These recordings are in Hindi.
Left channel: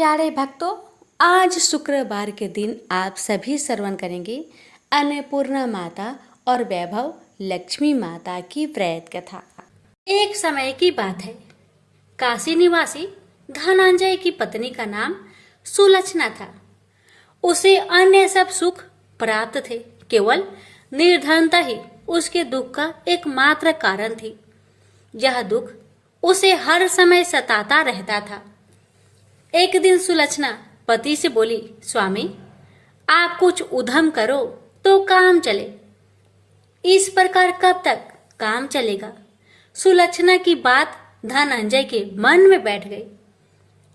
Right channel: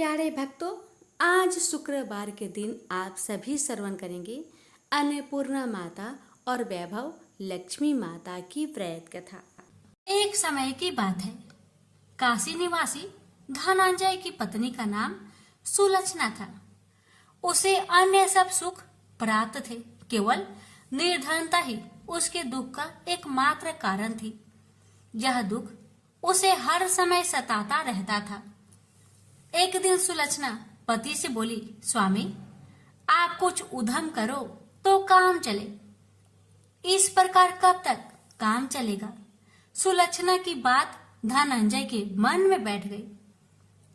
प्यारे भक्तों, आज शुक्रवार के दिन आप सभी श्रवण करेंगे अन्नपूर्णा माता और वैभव लक्ष्मी माता की व्रत कथा। एक समय की बात है, काशी निवासी धनंजय की पत्नी का नाम सुलक्षणा था। उसे अन्य सब सुख प्राप्त थे, केवल निर्धनता ही उसके दुख का एकमात्र कारण थी। यह दुख उसे हर समय सताता रहता था। एक दिन सुलक्षणा पति से बोली, स्वामी, आप कुछ उद्यम करो तो काम चले। इस प्रकार कब तक काम चलेगा? सुलक्षणा की बात धनंजय के मन में बैठ गई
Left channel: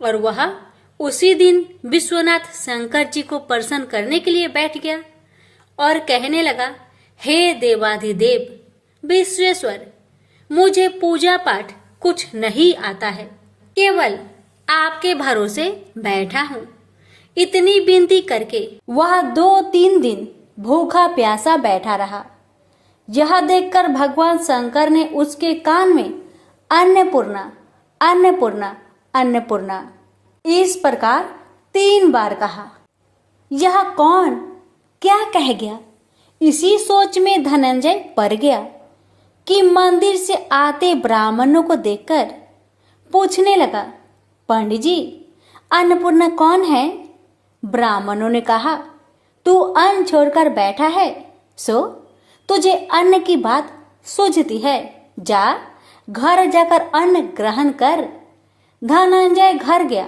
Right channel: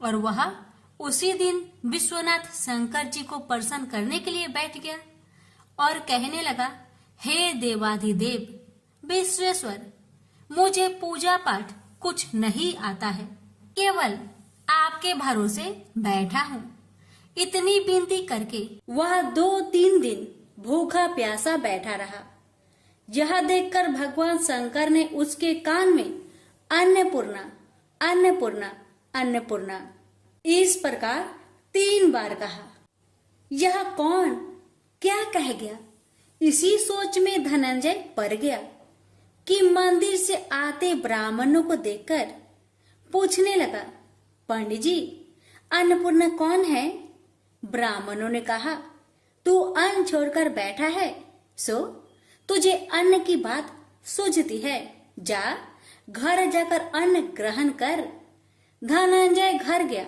और वह उसी दिन विश्वनाथ शंकर जी को प्रसन्न करने के लिए बैठ गया और कहने लगा, हे देवाधिदेव विश्वेश्वर, मुझे पूजा पाठ कुछ नहीं आता है, केवल आपके भरोसे बैठा हूँ। इतनी विनती करके वह 2-3 दिन भूखा प्यासा बैठा रहा। यह देखकर भगवान शंकर ने उसके कान में अन्नपूर्णा अन्नपूर्णा अन्नपूर्णा इस प्रकार 3 बार कहा। यह कौन क्या कह गया? इसी सोच में धनंजय पड़ गया कि मंदिर से आते ब्राह्मणों को देखकर पूछने लगा, पंडित जी, अन्नपूर्णा कौन है? ब्राह्मणों ने कहा, तू अन्न छोड़कर बैठा है, सो तुझे अन्न की बात सूझती है, जा घर जाकर अन्न ग्रहण कर। धनंजय घर गया,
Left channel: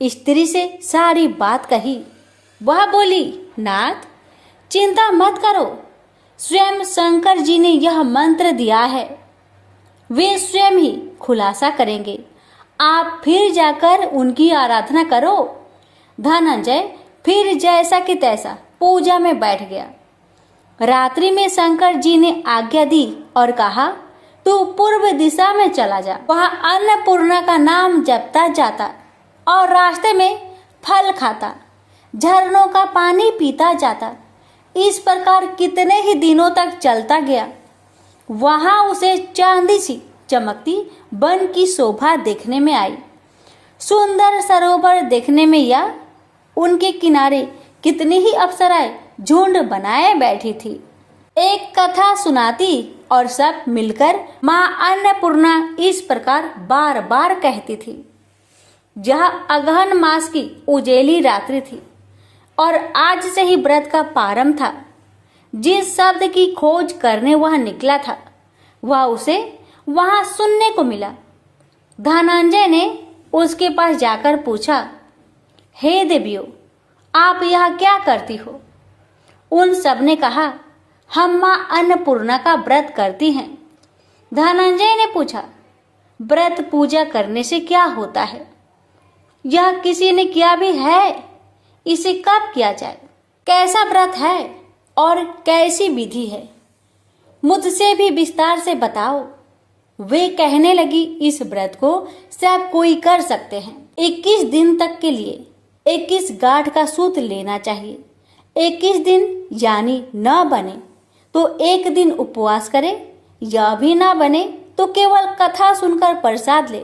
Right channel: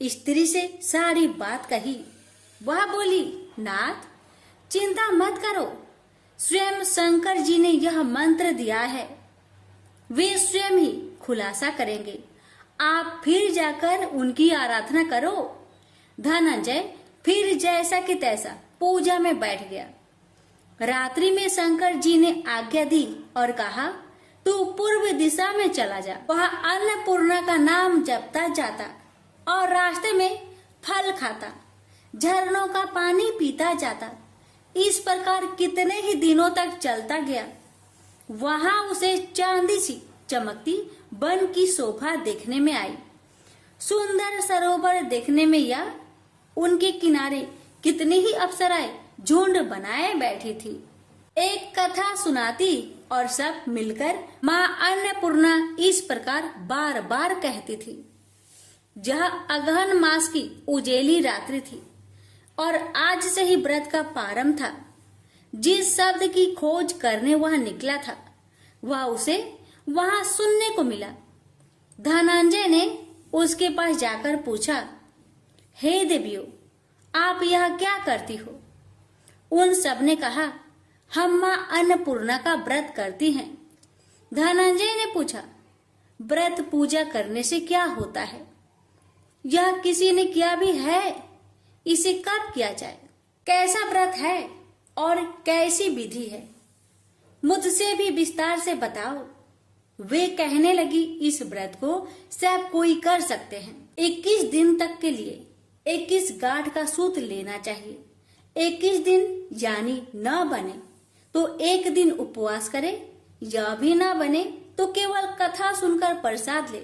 स्त्री से सारी बात कही। वह बोली, नाथ, चिंता मत करो, स्वयं शंकर जी ने यह मंत्र दिया है, वे स्वयं ही खुलासा करेंगे, आप फिर जाकर उनकी आराधना करो। धनंजय फिर जैसा कि तैसा पूजा में बैठ गया। रात्रि में शंकर जी ने आज्ञा दी और कहा, तू पूर्व दिशा में चला जा। वह अन्नपूर्णा का नाम जपता जाता और रास्ते में फल खाता, झरनों का पानी पीता जाता। इस प्रकार कितने ही दिनों तक चलता गया। वहां उसे चांदी सी चमकती वन की शोभा देखने में आई। सुंदर सरोवर देखने में या उनके किनारे कितनी ही अप्सराएं झुंड बनाए बैठी थी। एक कथा सुनाती और सब मिलकर माँ अन्नपूर्णा इस प्रकार बार बार कहती थी। यह अगहन मास की उजेली रात्रि थी और आज से ही व्रत का प्रारंभ था। जिस शब्द की खोज करने वह निकला था, वह उसे वहां सुनने को मिला। धनंजय ने उसके पास जाकर पूछा, हे देवियों, आप यहाँ क्या करती हो? उन सब ने कहा, हम माँ अन्नपूर्णा का व्रत करती हैं। धनंजय ने पूछा, व्रत पूजा करने से क्या होता है? यह किसी ने किया भी है? इसे कब किया जाए? कैसा व्रत है और कैसी विधि है? मुझसे भी विस्तार से बताओ। वे कहने लगी, इस व्रत को सब कोई कर सकते हैं। 21 दिन तक के लिए 21 गांठ का सूत्र लेना चाहिए। 21 दिन यानी न बने तो 1 दिन उपवास करे, या भी ना बने तो केवल कथा सुनकर प्रसाद ले।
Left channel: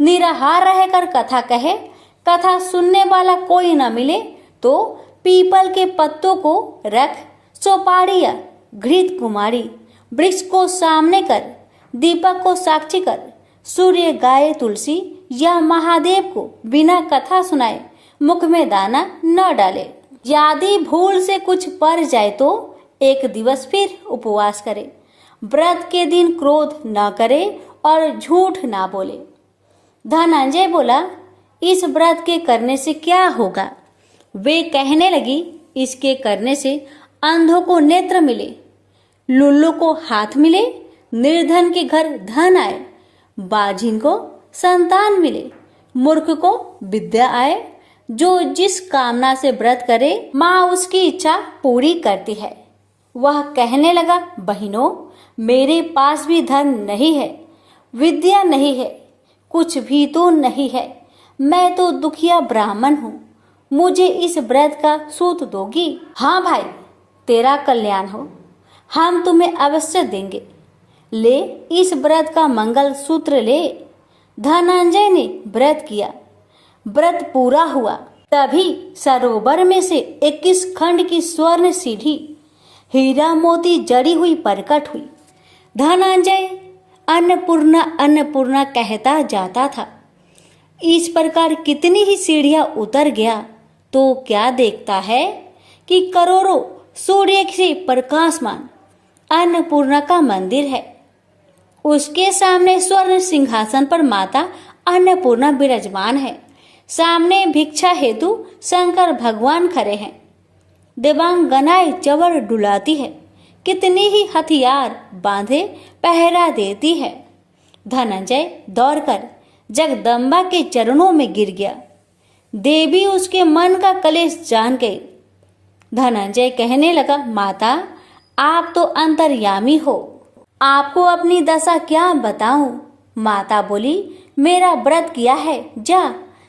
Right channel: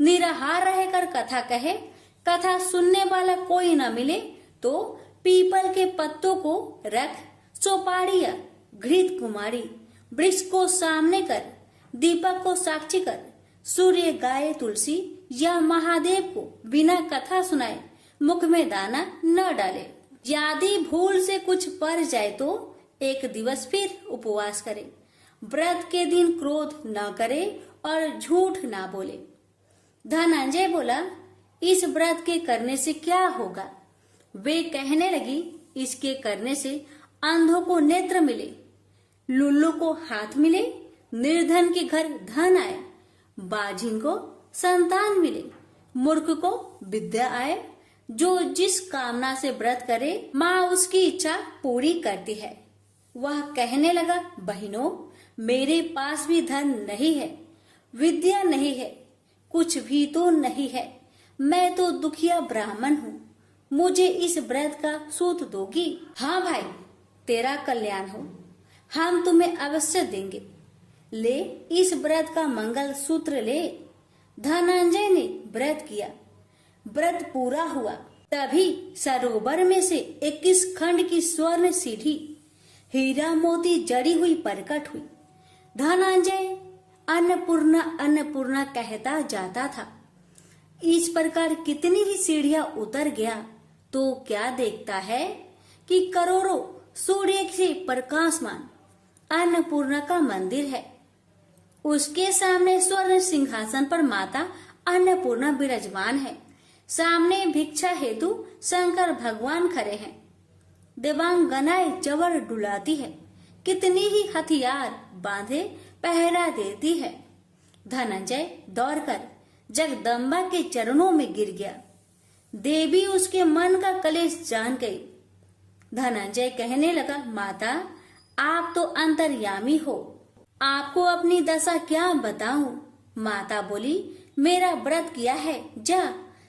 निराहार रहकर कथा कहे, कथा सुनने वाला कोई न मिले तो पीपल के पत्तों को रख, सुपारी या घृत कुमारी वृक्ष को सामने कर, दीपक को साक्षी कर, सूर्य, गाय, तुलसी या महादेव को बिना कथा सुनाए मुख में दाना न डाले। यदि भूल से कुछ पड़ जाए तो 1 दिवस फिर उपवास करे। व्रत के दिन क्रोध न करे और झूठ ना बोले। धनंजय बोला, इस व्रत के करने से क्या होगा? वे कहने लगी, इसके करने से अंधों को नेत्र मिले, लुल्लू को हाथ मिले, निर्धन के घर धन आए, बाझिन को संतान मिले, मूर्ख को विद्या आए। जो जिस कामना से व्रत करे, माँ उसकी इच्छा पूरी करती है। वह कहने लगा, बहनों, मेरे पास भी धन नहीं है, विद्या नहीं है, कुछ भी तो नहीं है। मैं तो दुखिया ब्राह्मण हूँ, मुझे इस व्रत का सूत दोगी? हाँ भाई, तेरा कल्याण हो, हम तुम्हें अवश्य देंगे। ले, इस व्रत का मंगल सूत्र ले। धनंजय ने व्रत किया। व्रत पूरा हुआ। तभी सरोवर में से 21 खंड की स्वर्ण सीढ़ी हीरा मोती जड़ी हुई प्रकट हुई। धनंजय अन्नपूर्णा अन्नपूर्णा कहता जाता था। इस प्रकार कितनी ही सीढ़ियां उतर गया तो क्या देखता है कि करोड़ों सूर्य से प्रकाशमान अन्नपूर्णा का मंदिर है। उसके सामने स्वर्ण सिंहासन पर माता अन्नपूर्णा विराजमान है। सामने भिक्षा हेतु शंकर भगवान खड़े हैं। देवांगनाएं चवर डुलाती है। कितनी ही हथियार बांधे पहरा देती है। धनंजय दौड़कर जगदम्बा के चरणों में गिर गया। देवी उसके मन का कलेश जान गई। धनंजय कहने लगा, माता आप तो अंतर्यामी हो, आपको अपनी दशा क्या बताऊं। माता बोली, मेरा व्रत किया है, जा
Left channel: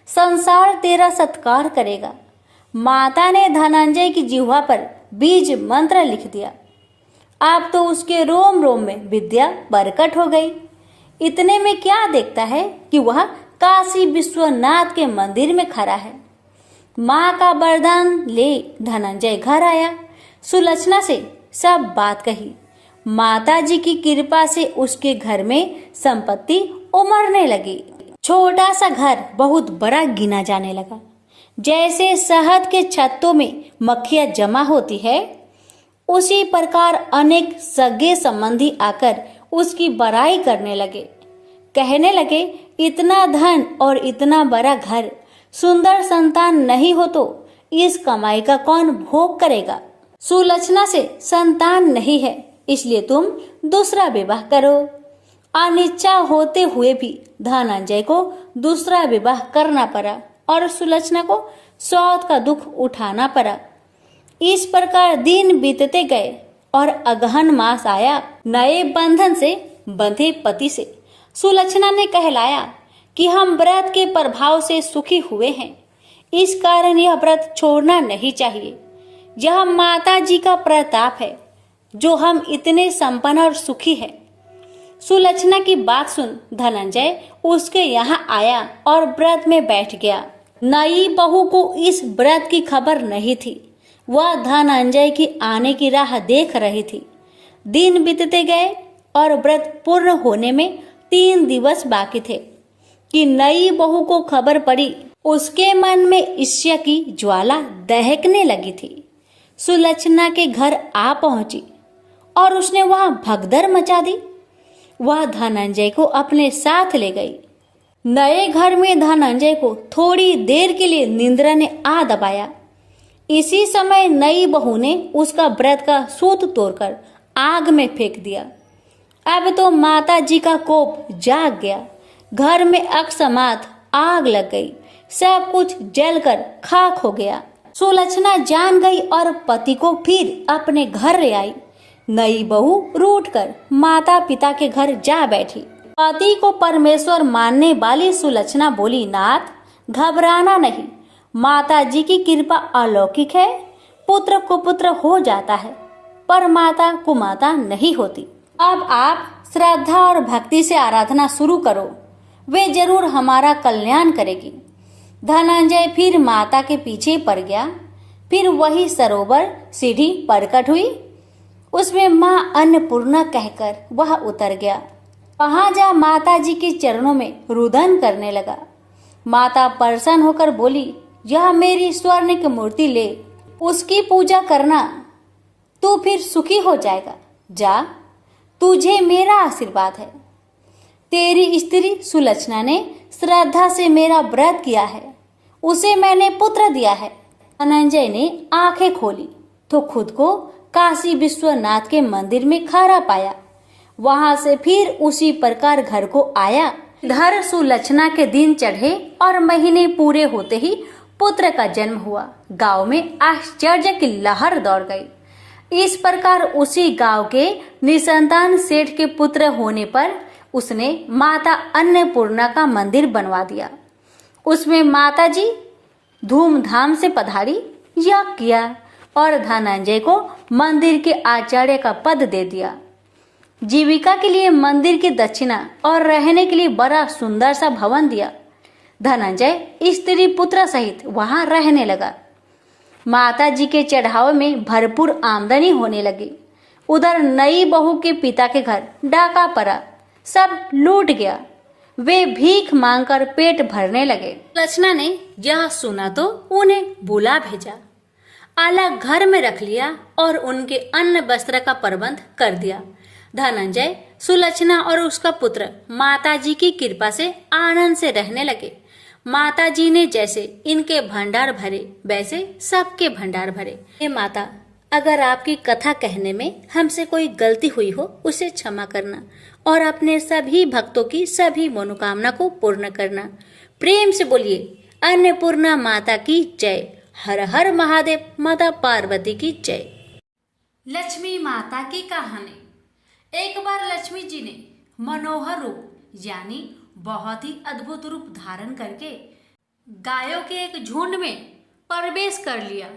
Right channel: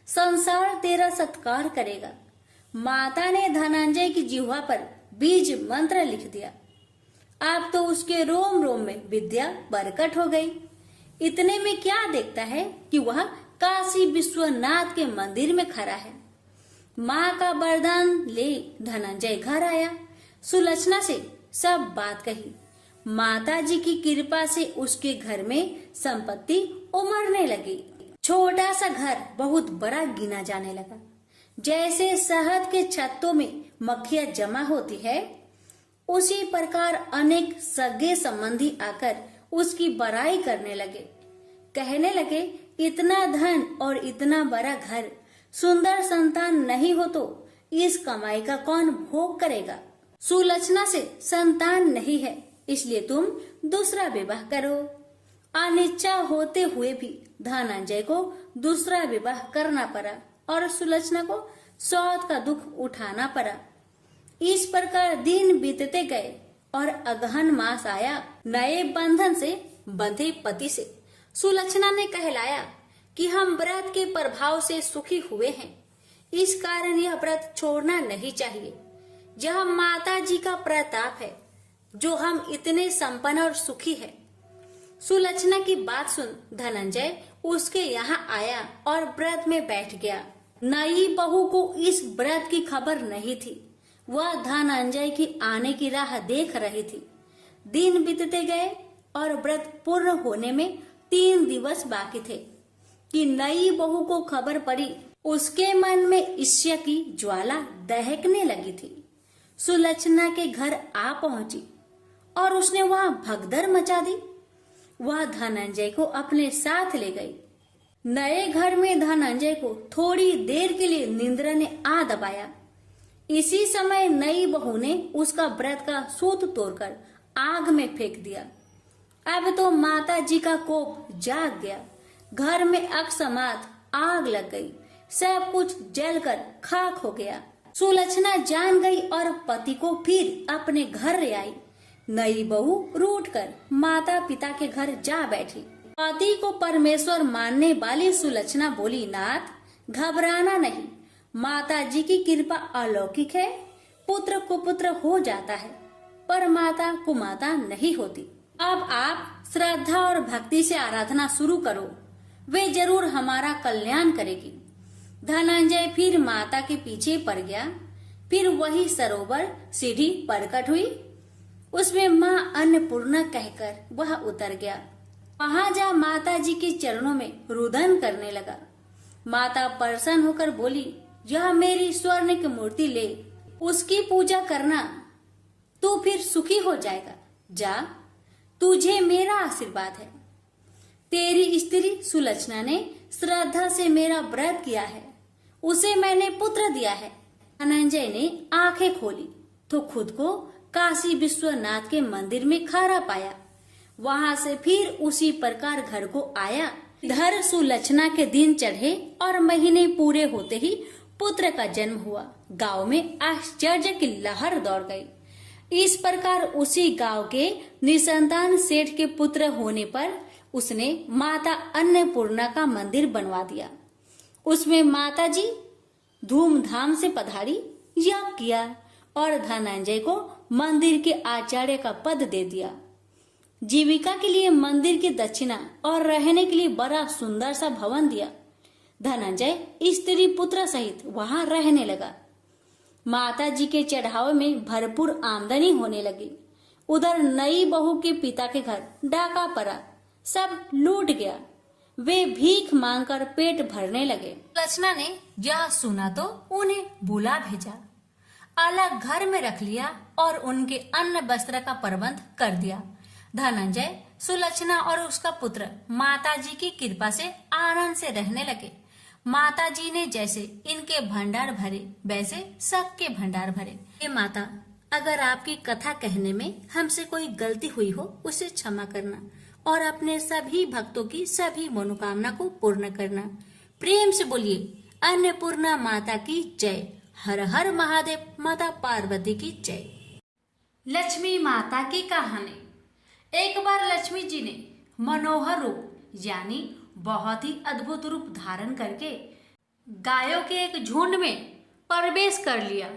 संसार तेरा सत्कार करेगा। माता ने धनंजय की जिह्वा पर बीज मंत्र लिख दिया। अब तो उसके रोम रोम में विद्या प्रकट हो गई। इतने में क्या देखता है कि वह काशी विश्वनाथ के मंदिर में खड़ा है। माँ का वरदान ले धनंजय घर आया। सुलक्षणा से सब बात कही। माता जी की कृपा से उसके घर में संपत्ति उमड़ने लगी। छोटा सा घर बहुत बड़ा गिना जाने लगा। जैसे शहद के छत्तों में मक्खियां जमा होती है, उसी प्रकार अनेक सगे संबंधी आकर उसकी बड़ाई करने लगे। कहने लगे, इतना धन और इतना बड़ा घर, सुंदर संतान नहीं हो तो इस कमाई का कौन भोग करेगा। सुलक्षणा से संतान नहीं है, इसलिए तुम दूसरा विवाह करो। अनिच्छा होते हुए भी धनंजय को दूसरा विवाह करना पड़ा और सुलक्षणा को सौत का दुख उठाना पड़ा। इस प्रकार दिन बीतते गए और अगहन मास आया। नए बंधन से बंधे पति से सुलक्षणा ने कहलाया कि हम व्रत के प्रभाव से सुखी हुए हैं, इस कारण यह व्रत छोड़ना नहीं चाहिए। यह माता जी का प्रताप है जो हम इतने संपन्न और सुखी हैं। सुलक्षणा की बात सुन धनंजय उसके यहाँ आया और व्रत में बैठ गया। नई बहू को इस व्रत की खबर नहीं थी। वह धनंजय की आने की राह देख रही थी। दिन बीतते गए और व्रत पूर्ण होने में 3 दिवस बाकी थे कि नई बहू को खबर पड़ी। उसके मन में ईर्ष्या की ज्वाला दहकने लगी थी। सुलक्षणा के घर आ पहुंची और उसने वहां भगदड़ मचा दी। वह धनंजय को अपने साथ ले गई। नए घर में धनंजय को थोड़ी देर के लिए निंद्रा ने आ दबाया। इसी समय नई बहू ने उसका व्रत का सूत तोड़कर आग में फेंक दिया। अब तो माता जी का कोप जाग गया। घर में अकस्मात आग लग गई। सब कुछ जलकर खाक हो गया। सुलक्षणा जान गई और पति को फिर अपने घर ले आई। नई बहू रूठकर माता पिता के घर जा बैठी। पति को परमेश्वर मानने वाली सुलक्षणा बोली, नाथ घबराना नहीं, माता जी की कृपा अलौकिक है। पुत्र को पुत्र हो जाता है पर माता कुमाता नहीं होती। अब आप श्रद्धा और भक्ति से आराधना शुरू करो, वे जरूर हमारा कल्याण करेगी। धनंजय फिर माता के पीछे पड़ गया। फिर वही सरोवर सीढ़ी प्रकट हुई। उसमें माँ अन्नपूर्णा कहकर वह उतर गया। वहां जा माता जी के चरणों में रुदन करने लगा। माता प्रसन्न होकर बोली, यह मेरी स्वर्ण की मूर्ति ले, उसकी पूजा करना, तू फिर सुखी हो जाएगा। जा, तुझे मेरा आशीर्वाद है। तेरी स्त्री सुलक्षणा ने श्रद्धा से मेरा व्रत किया है, उसे मैंने पुत्र दिया है। धनंजय ने आंखें खोली तो खुद को काशी विश्वनाथ के मंदिर में खड़ा पाया। वहां से फिर उसी प्रकार घर को आया। इधर सुलक्षणा के दिन चढ़े और महीने पूरे होते ही पुत्र का जन्म हुआ। गांव में आश्चर्य की लहर दौड़ गई। इस प्रकार उसी गांव के निसंतान सेठ के पुत्र होने पर उसने माता अन्नपूर्णा का मंदिर बनवा दिया। उसमें माता जी धूमधाम से पधारी, यज्ञ किया और धनंजय को मंदिर के आचार्य का पद दे दिया। जीविका के लिए मंदिर की दक्षिणा और रहने के लिए बड़ा सुंदर सा भवन दिया। धनंजय स्त्री पुत्र सहित वहां रहने लगा। माता जी के चढ़ावे में भरपूर आमदनी होने लगी। उधर नई बहू के पिता के घर डाका पड़ा, सब लूट गया। वे भीख मांगकर पेट भरने लगे। लक्षणा ने यह सुना तो उन्हें बुला भेजा, अलग घर में रख लिया और उनके अन्न वस्त्र का प्रबंध कर दिया। धनंजय, सुलक्षणा और उसका पुत्र माताजी की कृपा से आनंद से रहने लगे। माताजी ने जैसे इनके भंडार भरे वैसे सबके भंडार भरे। हे माता, अगर आपकी कथा कहने में हमसे कोई गलती हुई हो उसे क्षमा करना और अपने सभी भक्तों की सभी मनोकामना को पूर्ण करना। प्रेम से बोलिए अन्नपूर्णा माता की जय। हर हर महादेव, माता पार्वती की जय। लक्ष्मी माता की कहानी। एक बार लक्ष्मी जी ने मनोहर रूप यानी बहुत ही अद्भुत रूप धारण करके गायों के एक झुंड में प्रवेश कर लिया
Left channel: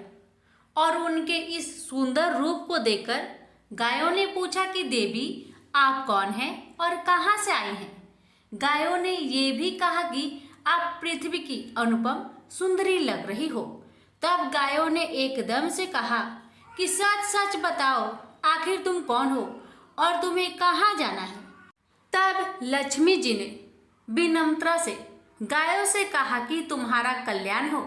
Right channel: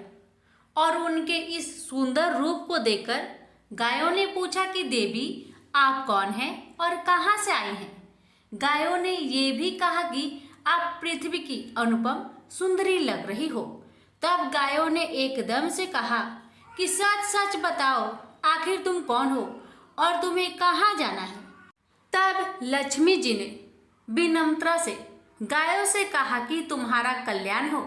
और उनके इस सुंदर रूप को देखकर गायों ने पूछा कि देवी, आप कौन हैं और कहाँ से आई हैं? गायों ने ये भी कहा कि आप पृथ्वी की अनुपम सुंदरी लग रही हो। तब गायों ने एकदम से कहा कि सच सच बताओ, आखिर तुम कौन हो और तुम्हें कहाँ जाना है? तब लक्ष्मी जी ने विनम्रता से गायों से कहा कि तुम्हारा कल्याण हो।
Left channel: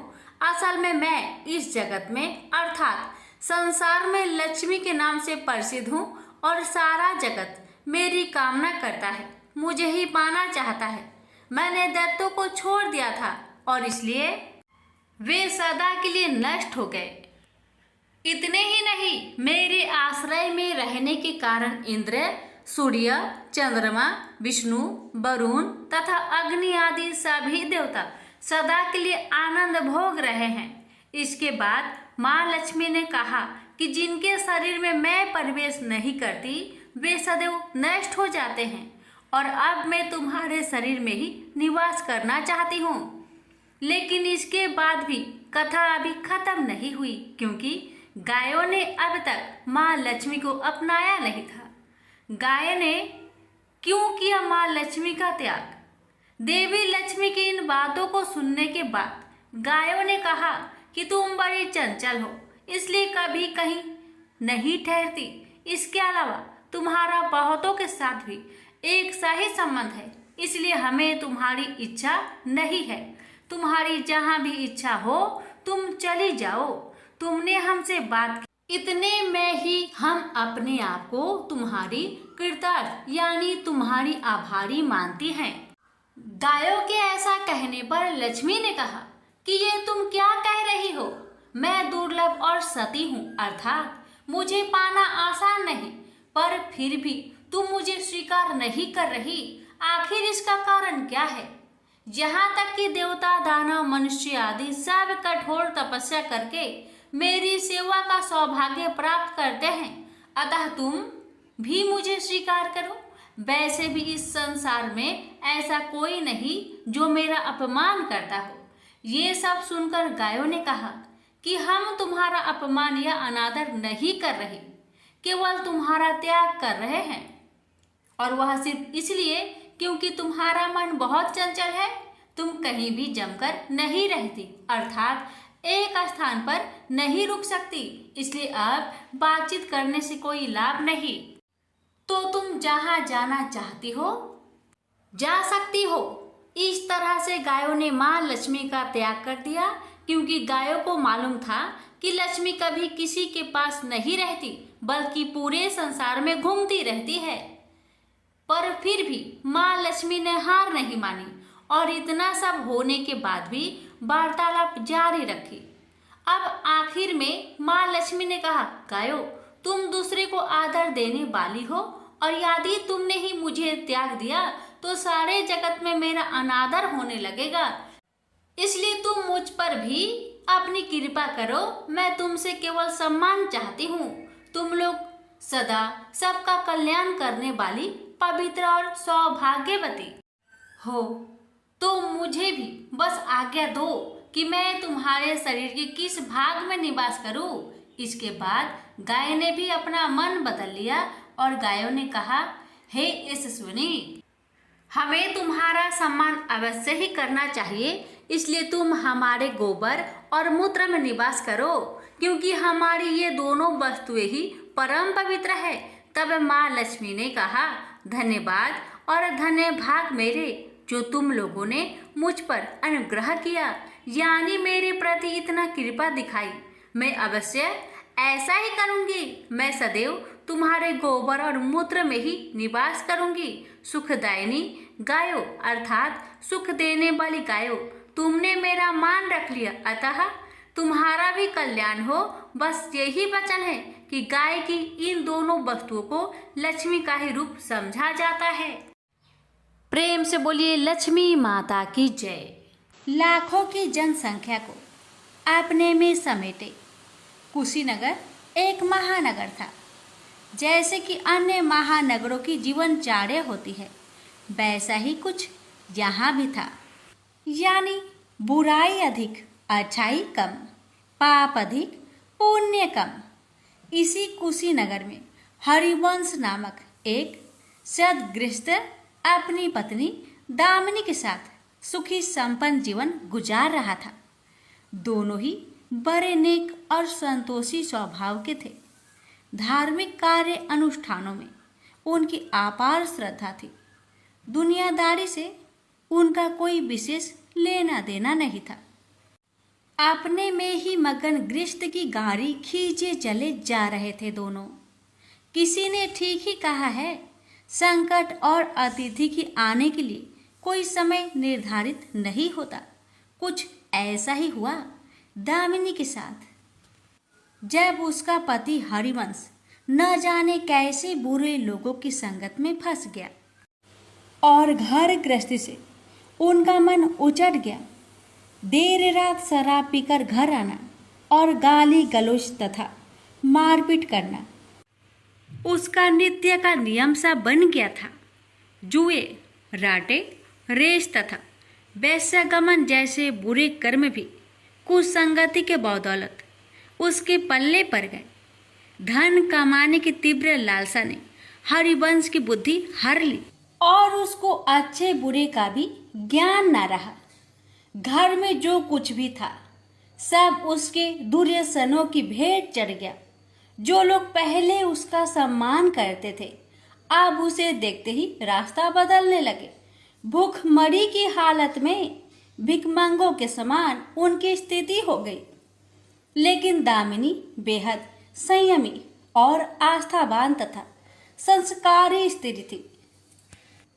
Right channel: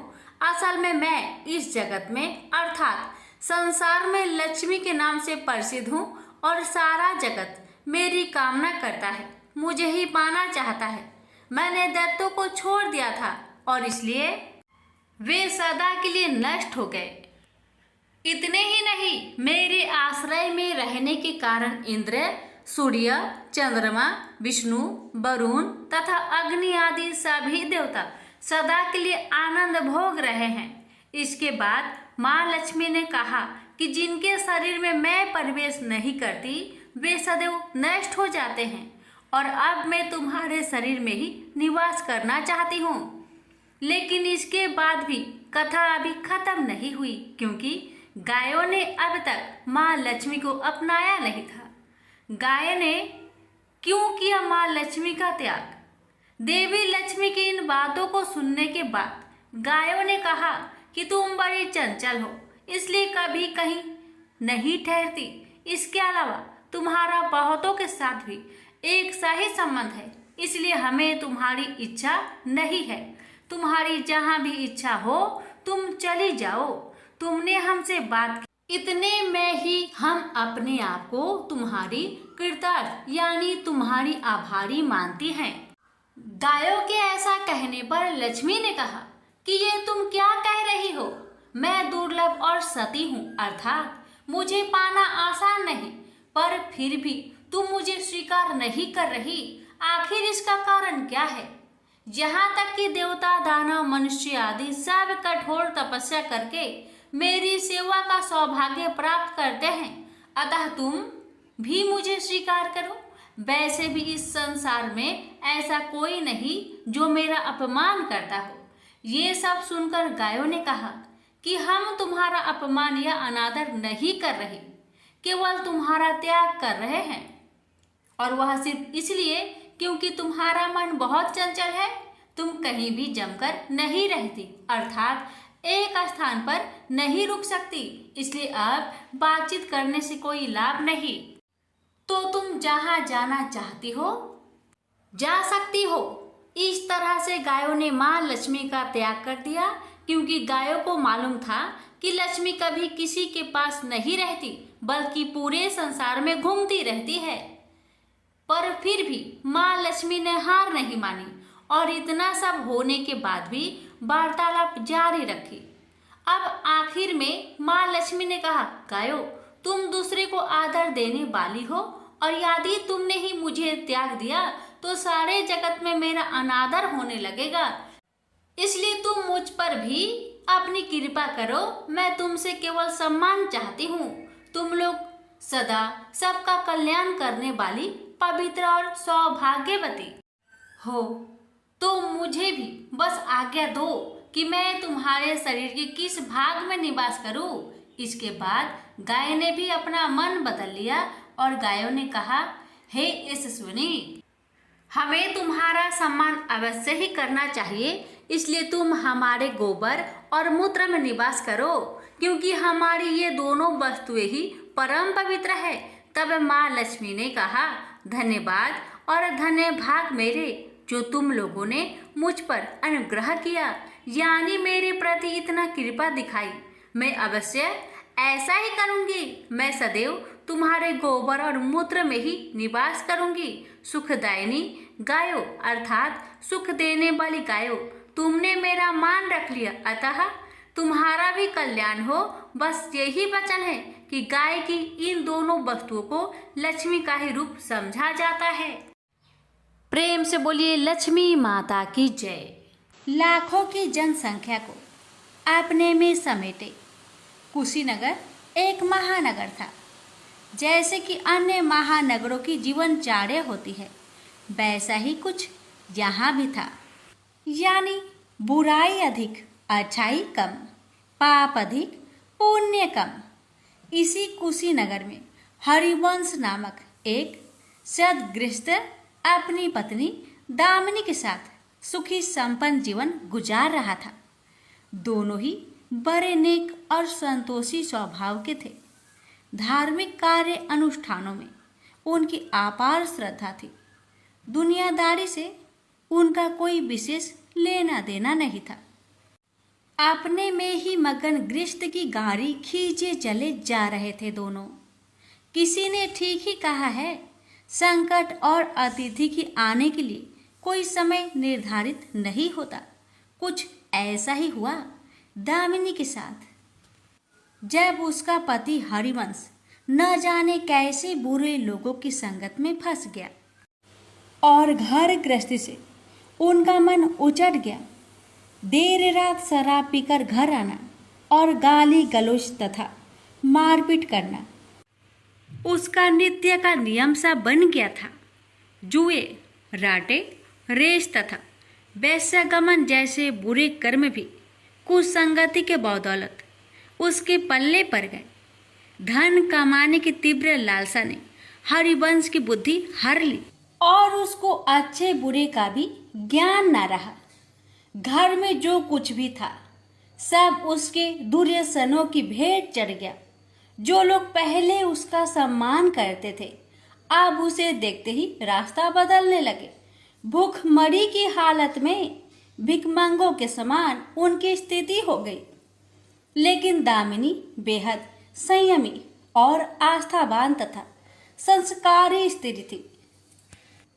असल में मैं इस जगत में अर्थात संसार में लक्ष्मी के नाम से प्रसिद्ध हूँ और सारा जगत मेरी कामना करता है, मुझे ही पाना चाहता है। मैंने दैत्यों को छोड़ दिया था और इसलिए वे सदा के लिए नष्ट हो गए। इतने ही नहीं, मेरे आश्रय में रहने के कारण इंद्र, सूर्य, चंद्रमा, विष्णु, वरुण तथा अग्नि आदि सभी देवता सदा के लिए आनंद भोग रहे हैं। इसके बाद माँ लक्ष्मी ने कहा कि जिनके शरीर में मैं प्रवेश नहीं करती वे सदैव नष्ट हो जाते हैं और अब मैं तुम्हारे शरीर में ही निवास करना चाहती हूँ। लेकिन इसके बाद भी कथा अभी खत्म नहीं हुई, क्योंकि गायों ने अब तक माँ लक्ष्मी को अपनाया नहीं था। गाय ने क्यों किया माँ लक्ष्मी का त्याग? देवी लक्ष्मी की इन बातों को सुनने के बाद गायों ने कहा कि तुम बड़ी चंचल हो, इसलिए कभी कहीं नहीं ठहरती। इसके अलावा तुम्हारा बहुतों के साथ भी एक सही संबंध है, इसलिए हमें तुम्हारी इच्छा नहीं है। तुम्हारी जहाँ भी इच्छा हो तुम चली जाओ। तुमने हमसे बात की, इतने में ही हम अपने आप को तुम्हारी कृतार्थ यानी तुम्हारी आभारी मानती हैं। गायों के ऐसा कहने पर लक्ष्मी ने कहा कि ये तुम क्या कह रही हो? मैं दुर्लभ और सती हूँ, अर्थात मुझे पाना आसान नहीं, पर फिर भी तुम मुझे स्वीकार नहीं कर रही। आखिर इसका कारण क्या है? यहाँ तक कि देवता, दानव, मनुष्य आदि सब कठोर तपस्या करके मेरी सेवा का सौभाग्य प्राप्त करते हैं, अतः तुम भी मुझे स्वीकार करो। वैसे भी इस संसार में ऐसा कोई नहीं जो मेरा अपमान करता हो। ये सब सुनकर गायों ने कहा कि हम तुम्हारा अपमान या अनादर नहीं कर रहे, केवल तुम्हारा त्याग कर रहे हैं, और वह सिर्फ इसलिए क्योंकि तुम्हारा मन बहुत चंचल है। तुम कहीं भी जमकर नहीं रहती, अर्थात एक स्थान पर नहीं रुक सकती, इसलिए अब बातचीत करने से कोई लाभ नहीं। तो तुम जहाँ जाना चाहती हो जा सकती हो। इस तरह से गायों ने माँ लक्ष्मी का त्याग कर दिया, क्योंकि गायों को मालूम था कि लक्ष्मी कभी किसी के पास नहीं रहती, बल्कि पूरे संसार में घूमती रहती है। पर फिर भी माँ लक्ष्मी ने हार नहीं मानी और इतना सब होने के बाद भी वार्तालाप जारी रखी। अब आखिर में माँ लक्ष्मी ने कहा, गायों, तुम दूसरे को आदर देने वाली हो और यदि तुमने ही मुझे त्याग दिया तो सारे जगत में मेरा अनादर होने लगेगा। इसलिए तुम मुझ पर भी अपनी कृपा करो। मैं तुमसे केवल सम्मान चाहती हूँ। तुम लोग सदा सबका कल्याण करने वाली पवित्र और सौभाग्यवती हो, तो मुझे भी बस आज्ञा दो कि मैं तुम्हारे शरीर के किस भाग में निवास करूं। इसके बाद गाय ने भी अपना मन बदल लिया और गायों ने कहा, हे यशस्विनी, हमें तुम्हारा सम्मान अवश्य ही करना चाहिए, इसलिए तुम हमारे गोबर और मूत्र में निवास करो, क्योंकि हमारी ये दोनों वस्तुएं ही परम पवित्र है। तब माँ लक्ष्मी ने कहा, धन्यवाद और धन्य भाग मेरे, जो तुम लोगों ने मुझ पर अनुग्रह किया, यानी मेरे प्रति इतना कृपा दिखाई। मैं अवश्य ऐसा ही करूंगी। मैं सदैव तुम्हारे गोबर और मूत्र में ही निवास करूंगी। सुखदायिनी गायो अर्थात सुख देने वाली गायो, तुमने मेरा मान रख लिया, अतः तुम्हारा भी कल्याण हो। बस यही वचन है कि गाय की इन दोनों वस्तुओं को लक्ष्मी का ही रूप समझा जाता है। प्रेम से बोलिए लक्ष्मी माता की जय। लाखों की जनसंख्या को अपने में समेटे कुशीनगर एक महानगर था। जैसे कि अन्य महानगरों की जीवनचर्या होती है, वैसा ही कुछ यहाँ भी था। यानी बुराई अधिक, अच्छाई कम, पाप अधिक, पुण्य कम। इसी कुशीनगर में हरिवंश नामक एक सद्गृहस्थ अपनी पत्नी दामिनी के साथ सुखी संपन्न जीवन गुजार रहा था। दोनों ही बड़े नेक और संतोषी स्वभाव के थे। धार्मिक कार्य अनुष्ठानों में उनकी अपार श्रद्धा थी। दुनियादारी से उनका कोई विशेष लेना देना नहीं था। अपने में ही मगन गृहस्थ की गाड़ी खींचे चले जा रहे थे दोनों। किसी ने ठीक ही कहा है, संकट और अतिथि की आने के लिए कोई समय निर्धारित नहीं होता। कुछ ऐसा ही हुआ दामिनी के साथ। जब उसका पति हरिवंश न जाने कैसे बुरे लोगों की संगत में फंस गया और घर गृहस्थी से उनका मन उचट गया। देर रात शराब पीकर घर आना और गाली गलौज तथा मारपीट करना उसका नित्य का नियम सा बन गया था। जुए, राटे, रेस तथा वैश्यगमन जैसे बुरे कर्म भी कुसंगति के बदौलत उसके पल्ले पड़ गए। धन कमाने की तीव्र लालसा ने हरिवंश की बुद्धि हर ली और उसको अच्छे बुरे का भी ज्ञान न रहा। घर में जो कुछ भी था सब उसके दुर्व्यसनों की भेंट चढ़ गया। जो लोग पहले उसका सम्मान करते थे अब उसे देखते ही रास्ता बदलने लगे। भूखमरी की हालत में भिखमंगों के समान उनकी स्थिति हो गई। लेकिन दामिनी बेहद संयमी और आस्थावान तथा संस्कारी स्त्री थी।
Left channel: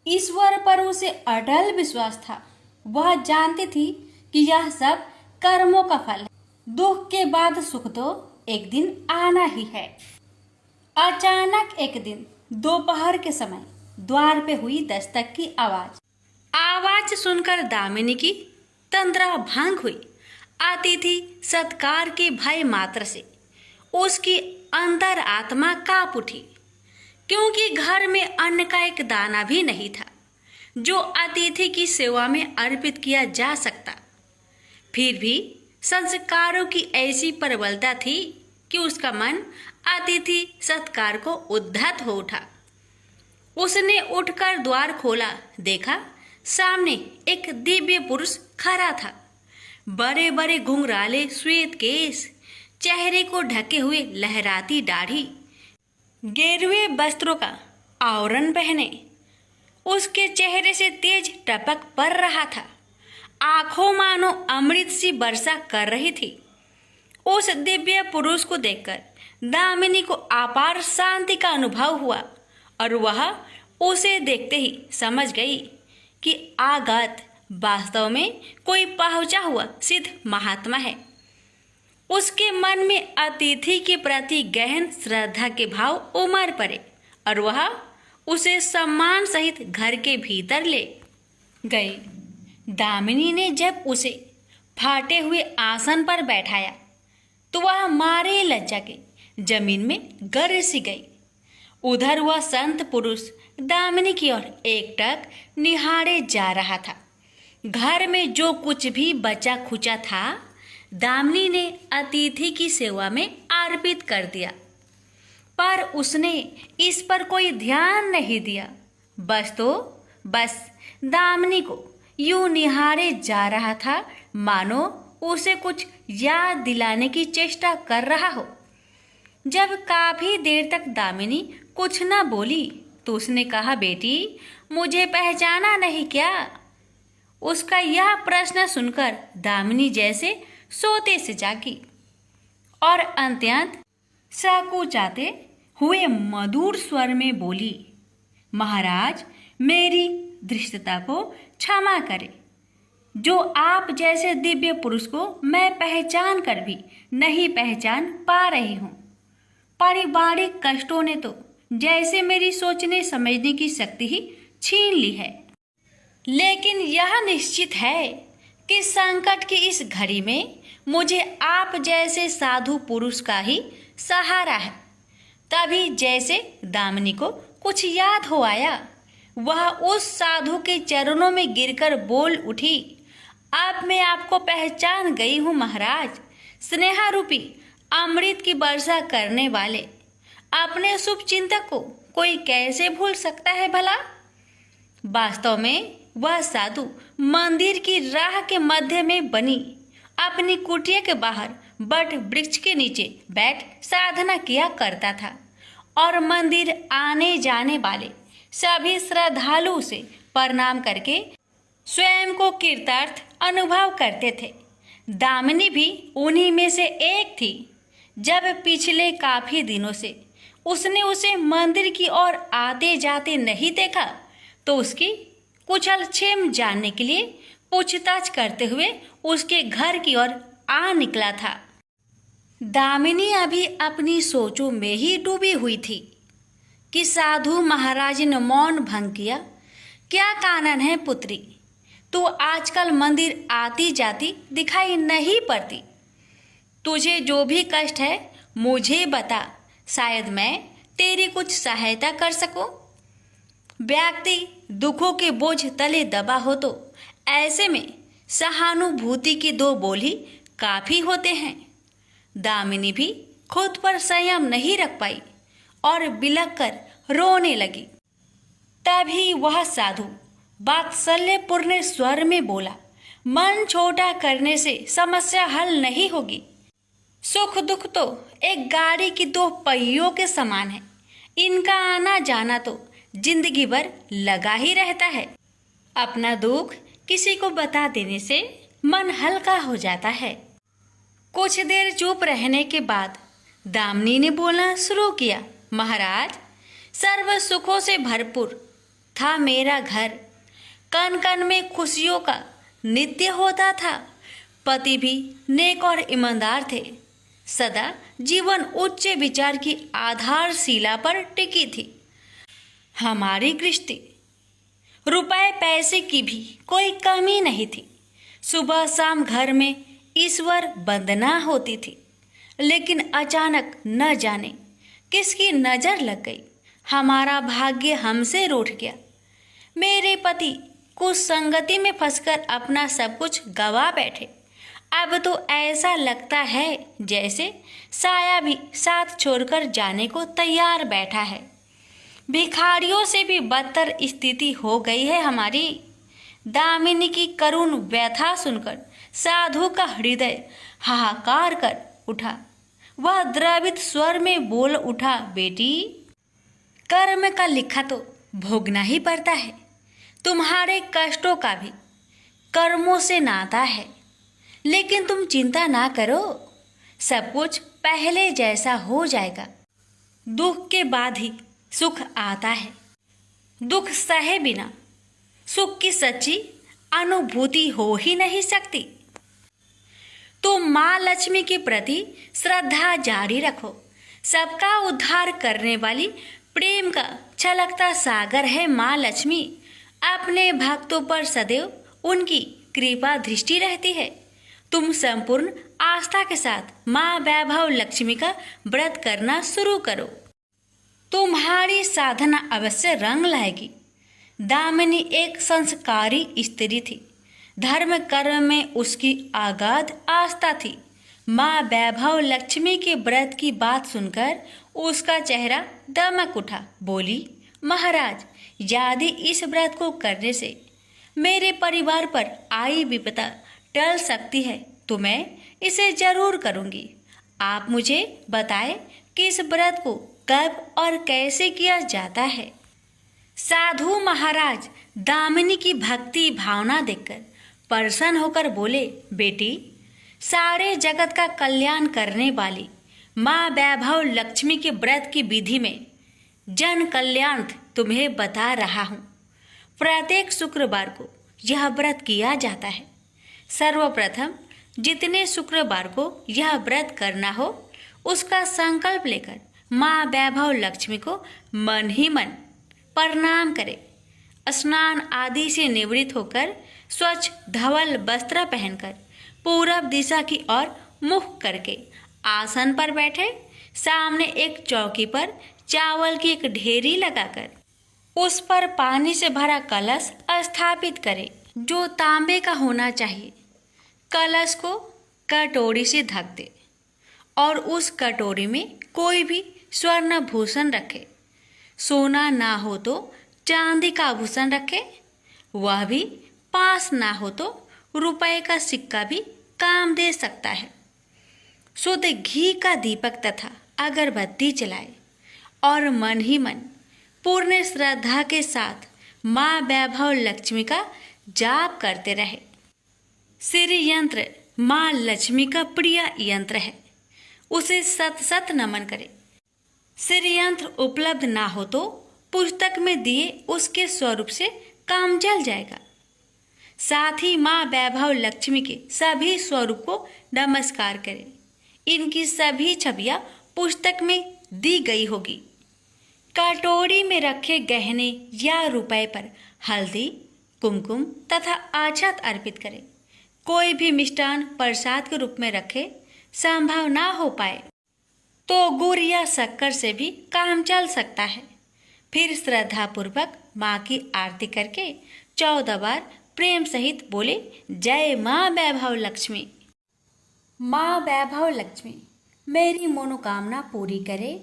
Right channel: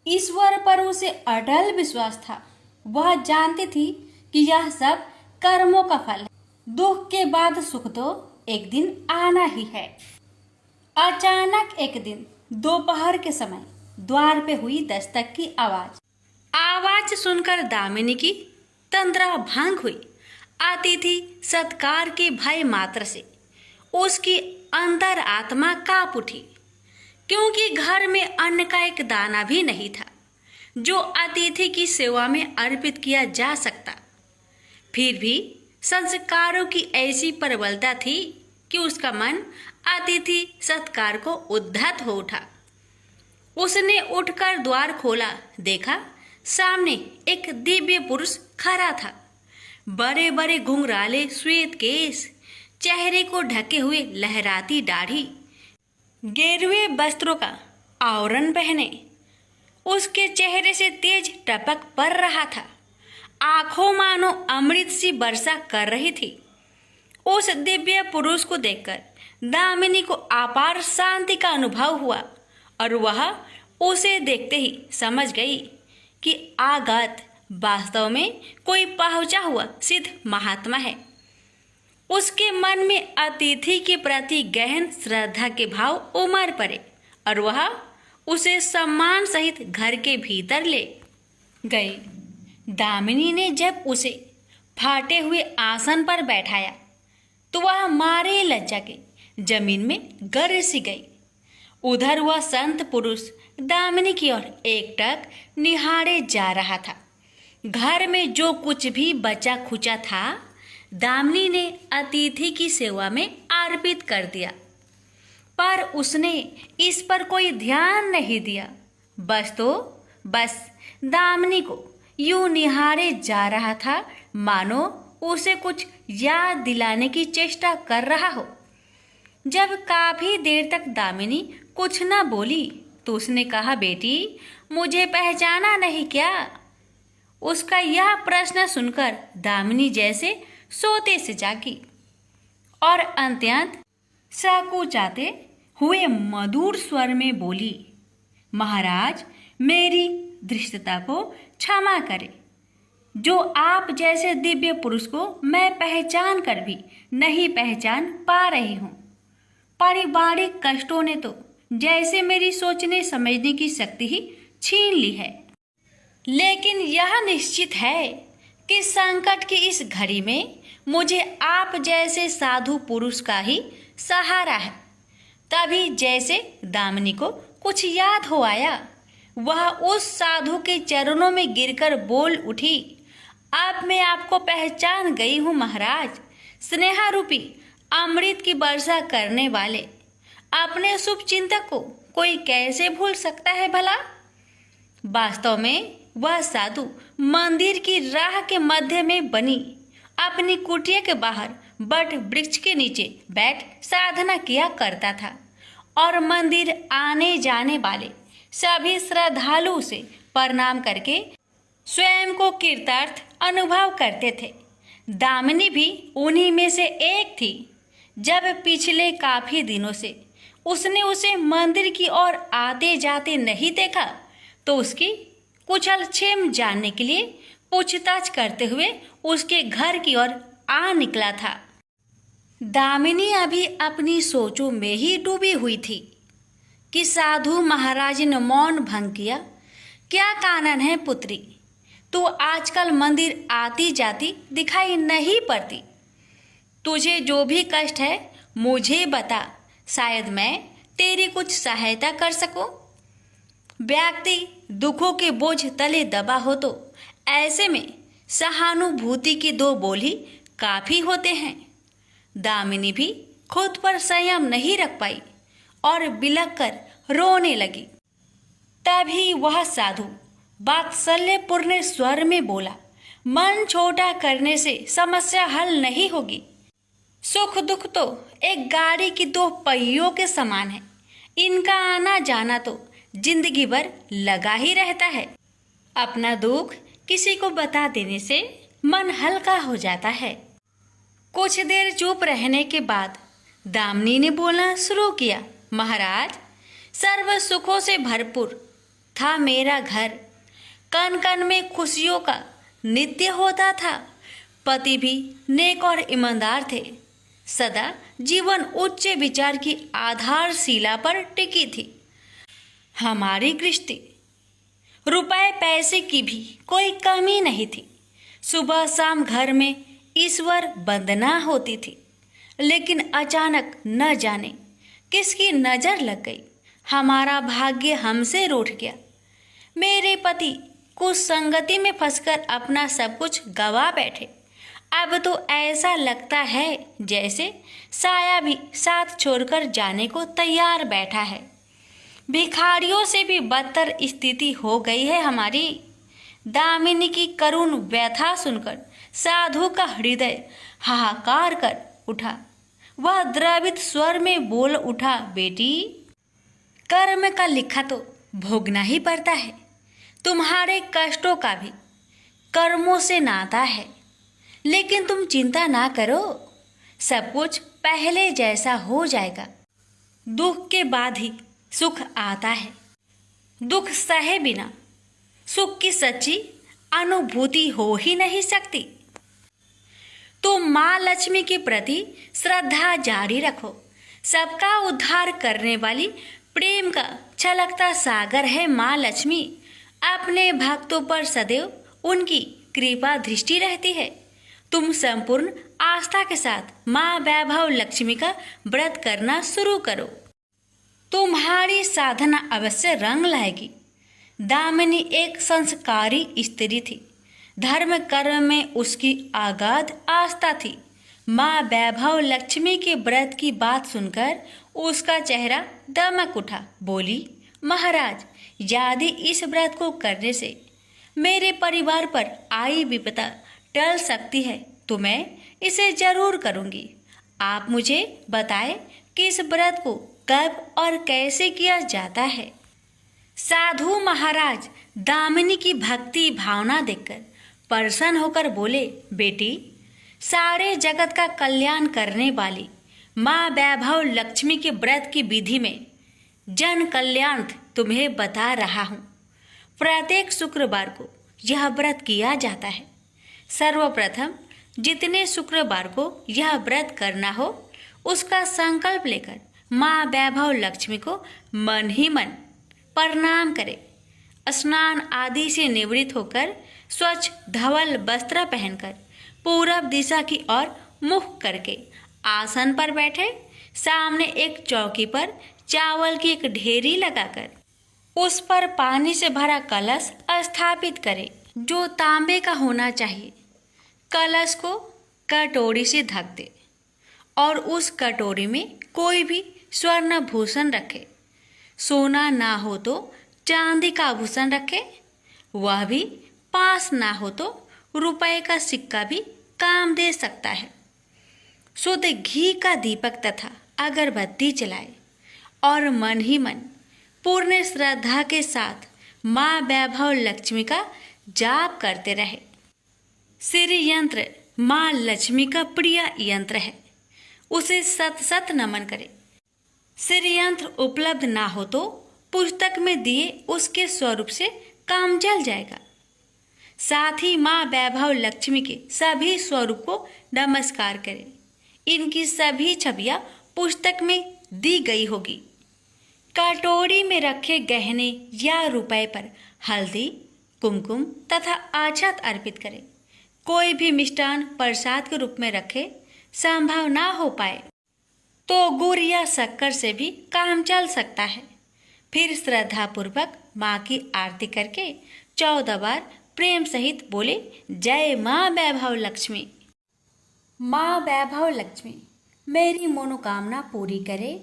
ईश्वर पर उसे अटल विश्वास था। वह जानती थी कि यह सब कर्मों का फल है। दुख के बाद सुख तो एक दिन आना ही है। अचानक एक दिन दोपहर के समय द्वार पे हुई दस्तक की आवाज सुनकर दामिनी की तंद्रा भंग हुई। अतिथि सत्कार के भय मात्र से उसकी अंतर आत्मा कांप उठी, क्योंकि घर में अन्न का एक दाना भी नहीं था जो अतिथि की सेवा में अर्पित किया जा सकता। फिर भी संस्कारों की ऐसी प्रबलता थी कि उसका मन अतिथि सत्कार को उद्धत हो उठा। उसने उठकर द्वार खोला, देखा सामने एक दिव्य पुरुष खड़ा था। बड़े बड़े घुंघराले श्वेत केश, चेहरे को ढके हुए लहराती दाढ़ी, गेरुए वस्त्रों का आवरण पहने उसके चेहरे से तेज टपक पड़ रहा था। आंखों मानो अमृत सी वर्षा कर रही थी। उस दिव्य पुरुष को देखकर दामिनी को अपार शांति का अनुभव हुआ और वह उसे देखते ही समझ गई कि आगत वास्तव में कोई पहुंचा हुआ सिद्ध महात्मा है। उसके मन में अतिथि के प्रति गहन श्रद्धा के भाव उमड़ पड़े और वह उसे सम्मान सहित घर के भीतर ले गई। दामिनी ने जब उसे फाटे हुए आसन पर बैठाया तो वह मारे लज्जा के जमीन में गिर सी गई। उधर वह संत पुरुष दामिनी की ओर एकटक निहारे जा रहा था। घर में जो कुछ भी बचा खुचा था दामिनी ने अतिथि की सेवा में अर्पित कर दिया, पर उसने इस पर कोई ध्यान नहीं दिया। बस तो बस दामिनी को यूं निहारे जा रहा था मानो उसे कुछ याद दिलाने की चेष्टा कर रहा हो। जब काफी देर तक दामिनी कुछ न बोली तो उसने कहा, बेटी मुझे पहचाना नहीं क्या? उसका यह प्रश्न सुनकर दामिनी जैसे सोते से जागी और अत्यंत संकुचाते हुए मधुर स्वर में बोली, महाराज मेरी धृष्टता को क्षमा करें। जो आप जैसे दिव्य पुरुष को मैं पहचान कर भी नहीं पहचान पा रही हूँ। पारिवारिक कष्टों ने तो जैसे मेरी सोचने समझने की शक्ति ही छीन ली है। लेकिन यह निश्चित है कि संकट की इस घड़ी में मुझे आप जैसे साधु पुरुष का ही सहारा है। तभी जैसे दामिनी को कुछ याद हो आया, वह उस साधु के चरणों में गिरकर बोल उठी, अब मैं आपको पहचान गई हूँ महाराज। स्नेहा रूपी अमृत की वर्षा करने वाले अपने शुभ चिंतक को कोई कैसे भूल सकता है भला? वास्तव में वह साधु मंदिर की राह के मध्य में बनी अपनी कुटिया के बाहर बट वृक्ष के नीचे बैठ साधना किया करता था और मंदिर आने जाने वाले सभी श्रद्धालु से प्रणाम करके स्वयं को कृतार्थ अनुभव करते थे। दामिनी भी उन्हीं में से एक थी। जब पिछले काफी दिनों से उसने उसे मंदिर की ओर आते जाते नहीं देखा तो उसकी कुशल क्षेम जानने के लिए पूछताछ करते हुए उसके घर की ओर आ निकला था। दामिनी अभी अपनी सोचों में ही डूबी हुई थी कि साधु महाराज ने मौन भंग किया। क्या कानन है पुत्री, तू आजकल मंदिर आती जाती दिखाई नहीं पड़ती। तुझे जो भी कष्ट है मुझे बता, शायद मैं तेरी कुछ सहायता कर सकूं। व्यक्ति दुखों के बोझ तले दबा हो तो ऐसे में सहानुभूति के दो बोल ही काफी होते हैं। दामिनी भी खुद पर संयम नहीं रख पाई और बिलख कर रोने लगी। तभी वह साधु वात्सल्यपूर्ण स्वर में बोला, मन छोटा करने से समस्या हल नहीं होगी। सुख दुख तो एक गाड़ी की दो पहियों के समान है, इनका आना जाना तो जिंदगी भर लगा ही रहता है। अपना दुख किसी को बता देने से मन हल्का हो जाता है। कुछ देर चुप रहने के बाद दामिनी ने बोलना शुरू किया, महाराज सर्व सुखों से भरपूर था मेरा घर, कन कन में खुशियों का नित्य होता था। पति भी नेक और ईमानदार थे। सदा जीवन उच्च विचार की आधारशिला पर टिकी थी। हमारी गृहस्थी रुपए पैसे की भी कोई कमी नहीं थी। सुबह शाम घर में ईश्वर वंदना होती थी। लेकिन अचानक न जाने किसकी नजर लग गई, हमारा भाग्य हमसे रूठ गया। मेरे पति कुछ संगति में फंसकर अपना सब कुछ गवा बैठे। अब तो ऐसा लगता है जैसे साया भी साथ छोड़कर जाने को तैयार बैठा है। भिखारियों से भी बदतर स्थिति हो गई है हमारी। दामिनी की करुण व्यथा सुनकर साधु का हृदय हाहाकार कर उठा। वह द्रवित स्वर में बोल उठा, बेटी कर्म का लिखा तो भोगना ही पड़ता है। तुम्हारे कष्टों का भी कर्मों से नाता है। लेकिन तुम चिंता ना करो, सब कुछ पहले जैसा हो जाएगा। दुख के बाद ही सुख आता है। दुख सहे बिना सुख की सच्ची अनुभूति हो ही नहीं सकती। तो माँ लक्ष्मी के प्रति श्रद्धा जारी रखो। सबका उद्धार करने वाली प्रेम का छलकता सागर है माँ लक्ष्मी। अपने भक्तों पर सदैव उनकी कृपा दृष्टि रहती है। तुम संपूर्ण आस्था के साथ माँ वैभव लक्ष्मी का व्रत करना शुरू करो। तुम्हारी साधना अवश्य रंग लाएगी। दामिनी एक संस्कारी स्त्री थी। धर्म कर्म में उसकी अगाध आस्था थी। माँ वैभव लक्ष्मी के व्रत की बात सुनकर उसका चेहरा दमक उठा। बोली, महाराज यदि इस व्रत को करने से मेरे परिवार पर आई विपदा टल सकती है तो मैं इसे जरूर करूंगी। आप मुझे बताएं कि इस व्रत को कब और कैसे किया जाता है। साधु महाराज दामिनी की भक्ति भावना देखकर प्रसन्न होकर बोले, बेटी, सारे जगत का कल्याण करने वाली माँ वैभव लक्ष्मी के व्रत की विधि में जन कल्याण तुम्हें बता रहा हूँ। प्रत्येक शुक्रवार को यह व्रत किया जाता है। सर्वप्रथम जितने शुक्रवार को यह व्रत करना हो उसका संकल्प लेकर माँ वैभव लक्ष्मी को मन ही मन प्रणाम करें। स्नान आदि से निवृत्त होकर स्वच्छ धवल वस्त्र पहनकर पूरब दिशा की ओर मुख करके आसन पर बैठे। सामने एक चौकी पर चावल की एक ढेरी लगाकर उस पर पानी से भरा कलश स्थापित करें जो तांबे का होना चाहिए। कलश को कटोरी से ढक दे और उस कटोरी में कोई भी स्वर्ण भूषण रखे। सोना ना हो तो चांदी का आभूषण रखे, वह भी पास ना हो तो रुपए का सिक्का भी काम दे सकता है। शुद्ध घी का दीपक तथा अगरबत्ती जलाए और मन ही मन पूर्ण श्रद्धा के साथ माँ वैभव लक्ष्मी का जाप करते रहे। श्री यंत्र माँ लक्ष्मी का प्रिय यंत्र है, उसे सत सत नमन करें। श्री यंत्र उपलब्ध ना हो तो पुस्तक में दिए उसके स्वरूप से काम चल जाएगा। साथ ही माँ वैभव लक्ष्मी के सभी स्वरूप को नमस्कार करें। इनकी सभी छवियां पुस्तक में दी गई होगी। कटोरी में रखे गहने या रुपए पर हल्दी, कुमकुम तथा आछत अर्पित करें। कोई भी मिष्टान प्रसाद के रूप में रखे संभव ना हो पाए तो गुड़ या शक्कर से भी काम चल सकता है। फिर श्रद्धा पूर्वक माँ की आरती करके 14 बार प्रेम सहित बोले, जय माँ वैभव लक्ष्मी। माँ वैभव लक्ष्मी मेरी मनोकामना पूरी करे,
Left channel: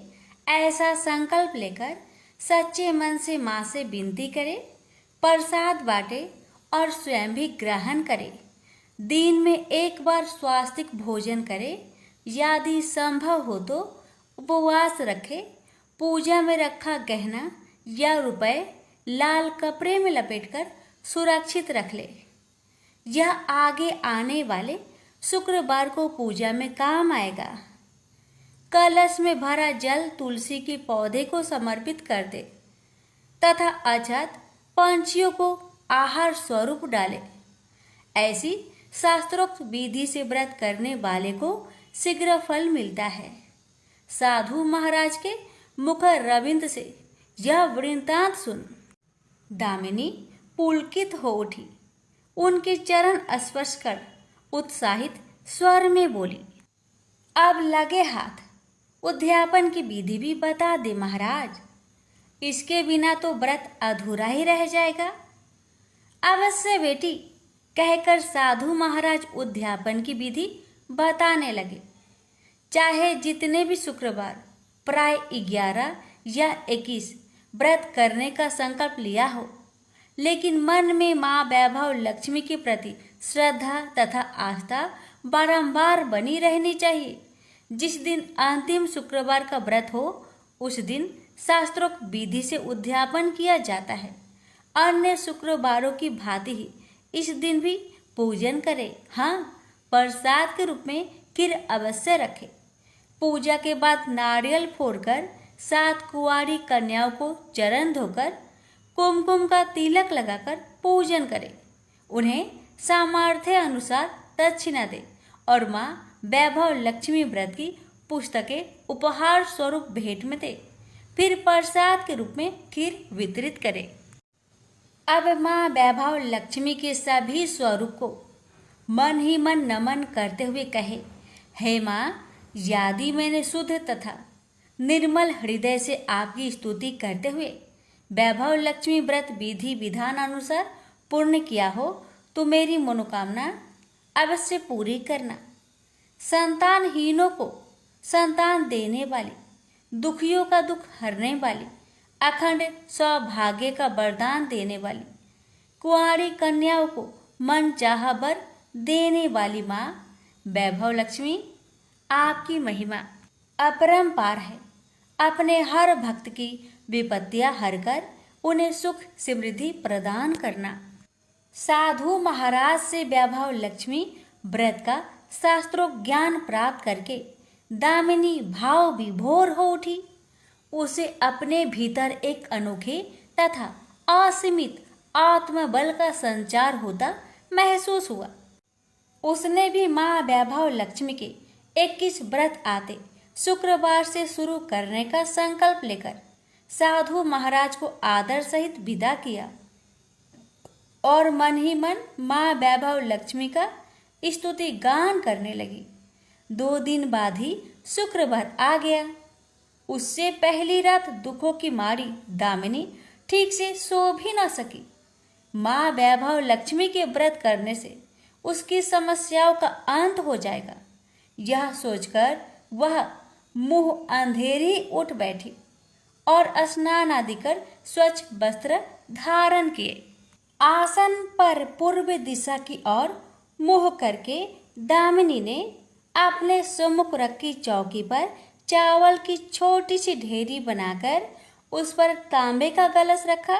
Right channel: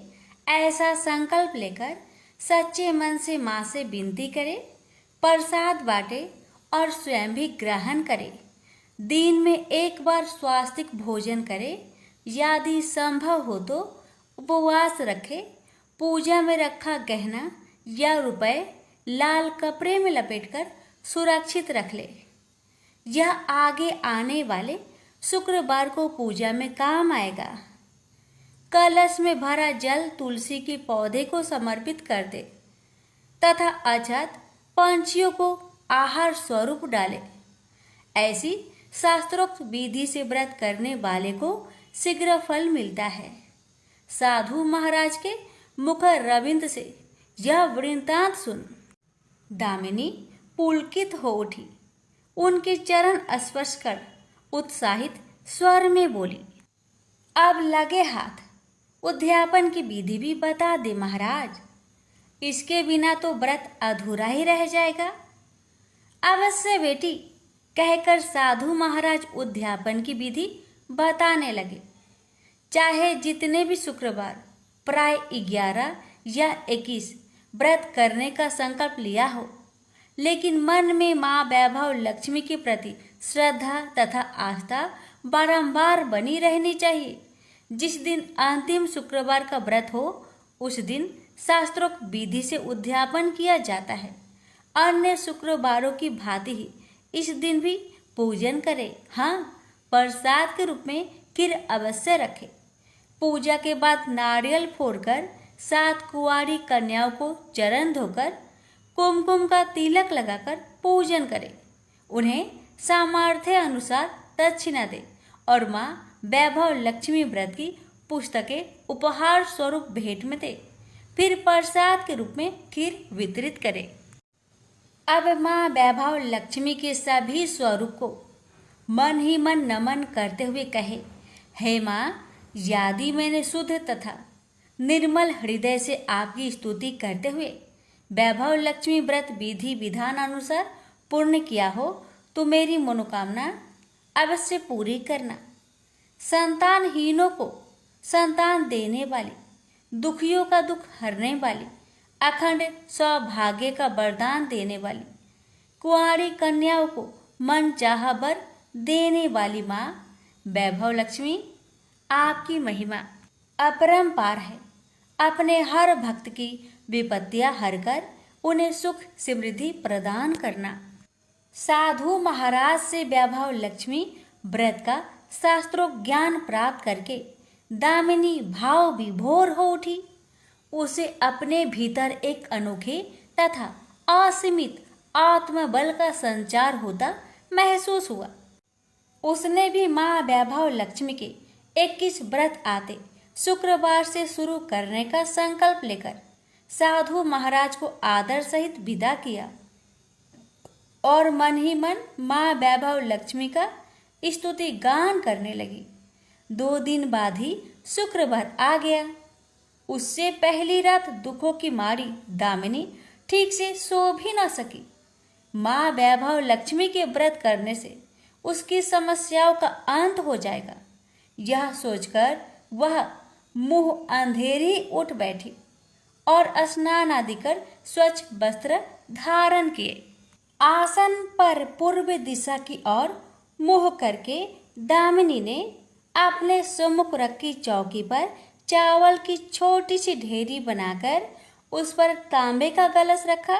ऐसा संकल्प लेकर सच्चे मन से माँ से विनती करे। प्रसाद बांटे और स्वयं भी ग्रहण करे। दिन में एक बार स्वास्तिक भोजन करे। यदि संभव हो तो उपवास रखे। पूजा में रखा गहना या रुपए लाल कपड़े में लपेटकर सुरक्षित रख ले। यह आगे आने वाले शुक्रवार को पूजा में काम आएगा। कलश में भरा जल तुलसी के पौधे को समर्पित कर दे तथा अछत पंछियों को आहार स्वरूप डाले। ऐसी शास्त्रोक्त विधि से व्रत करने वाले को शीघ्र फल मिलता है। साधु महाराज के मुख रविंद्र से यह वृत्तांत सुन दामिनी पुलकित हो उठी। उनके चरण स्पर्श कर उत्साहित स्वर में बोली, अब लगे हाथ उद्यापन की विधि भी बता दे महाराज। इसके बिना तो व्रत अधूरा ही रह जाएगा। अवश्य बेटी, कहकर साधु महाराज उद्यापन की विधि बताने लगे। चाहे जितने भी शुक्रवार प्राय 11 या 21 व्रत करने का संकल्प लिया हो, लेकिन मन में माँ वैभव लक्ष्मी के प्रति श्रद्धा तथा आस्था बारंबार बनी रहनी चाहिए। जिस दिन अंतिम शुक्रवार का व्रत हो उस दिन शास्त्रोक्त विधि से उद्यापन किया जाता है। अन्य शुक्रवारों की भांति ही इस दिन भी पूजन करें। हाँ, प्रसाद के रूप में खीर अवश्य रखें। पूजा के बाद नारियल फोड़कर 7 कुंवारी कन्याओं को चरण धोकर कुमकुम का तिलक लगाकर पूजन करें। उन्हें सामर्थ्य अनुसार दक्षिणा दें और माँ वैभव लक्ष्मी व्रत की पुस्तकें उपहार स्वरूप भेंट में दें। फिर प्रसाद के रूप में खीर वितरित करें। अब माँ वैभव लक्ष्मी के सभी स्वरूप को मन ही मन नमन करते हुए कहे, हे माँ, यदि मैंने शुद्ध तथा निर्मल हृदय से आपकी स्तुति करते हुए वैभव लक्ष्मी व्रत विधि विधान अनुसार पूर्ण किया हो तो मेरी मनोकामना अवश्य पूरी करना। संतानहीनों को संतान देने वाली, दुखियों का दुख हरने वाली, अखंड सौभाग्य का वरदान देने वाली, कुंवारी कन्याओं को मन चाहा वर देने वाली माँ वैभव लक्ष्मी, आपकी महिमा अपरंपार है। अपने हर भक्त की विपत्तियां हरकर उन्हें सुख समृद्धि प्रदान करना। साधु महाराज से वैभव लक्ष्मी व्रत का शास्त्रों ज्ञान प्राप्त करके दामिनी भाव विभोर हो उठी। उसे अपने भीतर एक अनोखे तथा असीमित आत्मबल का संचार होता महसूस हुआ। उसने भी माँ वैभव लक्ष्मी के 21 व्रत आते शुक्रवार से शुरू करने का संकल्प लेकर साधु महाराज को आदर सहित विदा किया और मन ही मन माँ वैभव लक्ष्मी का स्तुति गान करने लगी। 2 दिन बाद ही शुक्रवार आ गया। उससे पहली रात दुखों की मारी दामिनी ठीक से सो भी न सकी। माँ वैभव लक्ष्मी के व्रत करने से उसकी समस्याओं का अंत हो जाएगा, यह सोचकर वह मुंह अंधेरी उठ बैठी और स्नान आदि कर स्वच्छ वस्त्र धारण किए। आसन पर पूर्व दिशा की ओर मुंह करके दामिनी ने अपने सम्मुख रखी चौकी पर चावल की छोटी सी ढेरी बनाकर उस पर तांबे का कलश रखा।